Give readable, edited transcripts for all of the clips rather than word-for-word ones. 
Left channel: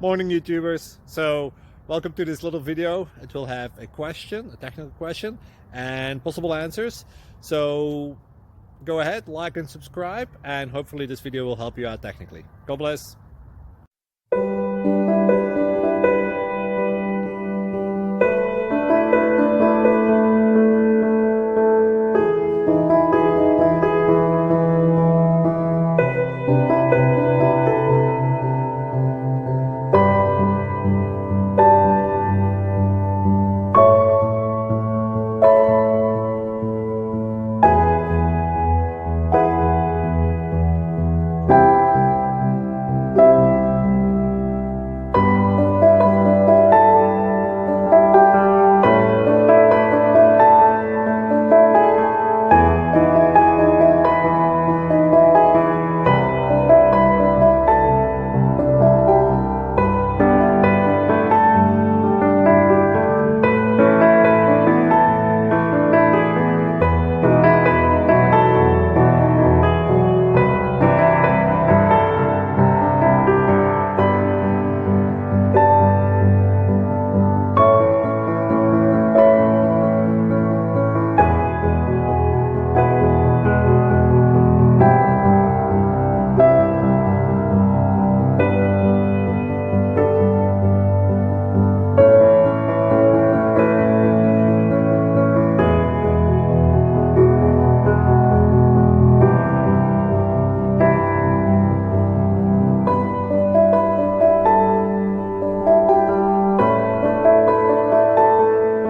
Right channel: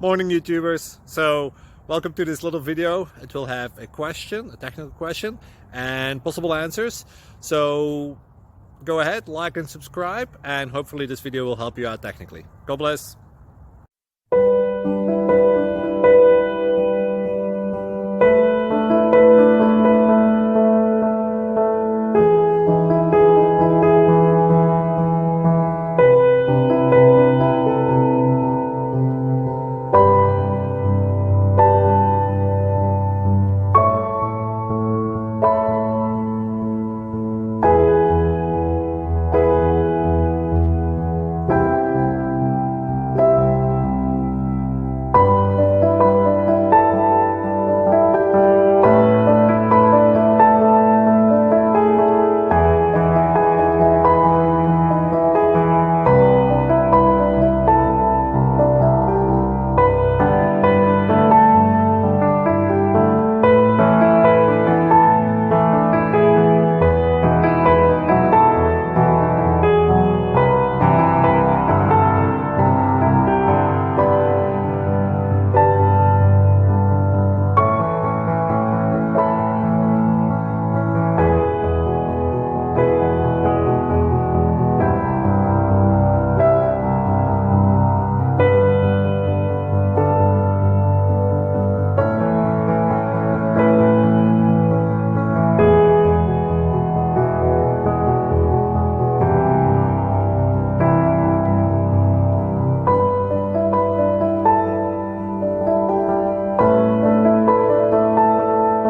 Morning YouTubers. So welcome to this little video. It will have a question, a technical question, and possible answers. So go ahead, like and subscribe, and hopefully this video will help you out technically. God bless.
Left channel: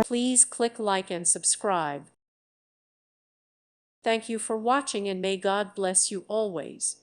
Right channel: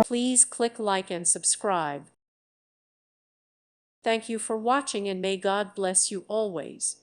Please click like and subscribe. Thank you for watching and may God bless you always.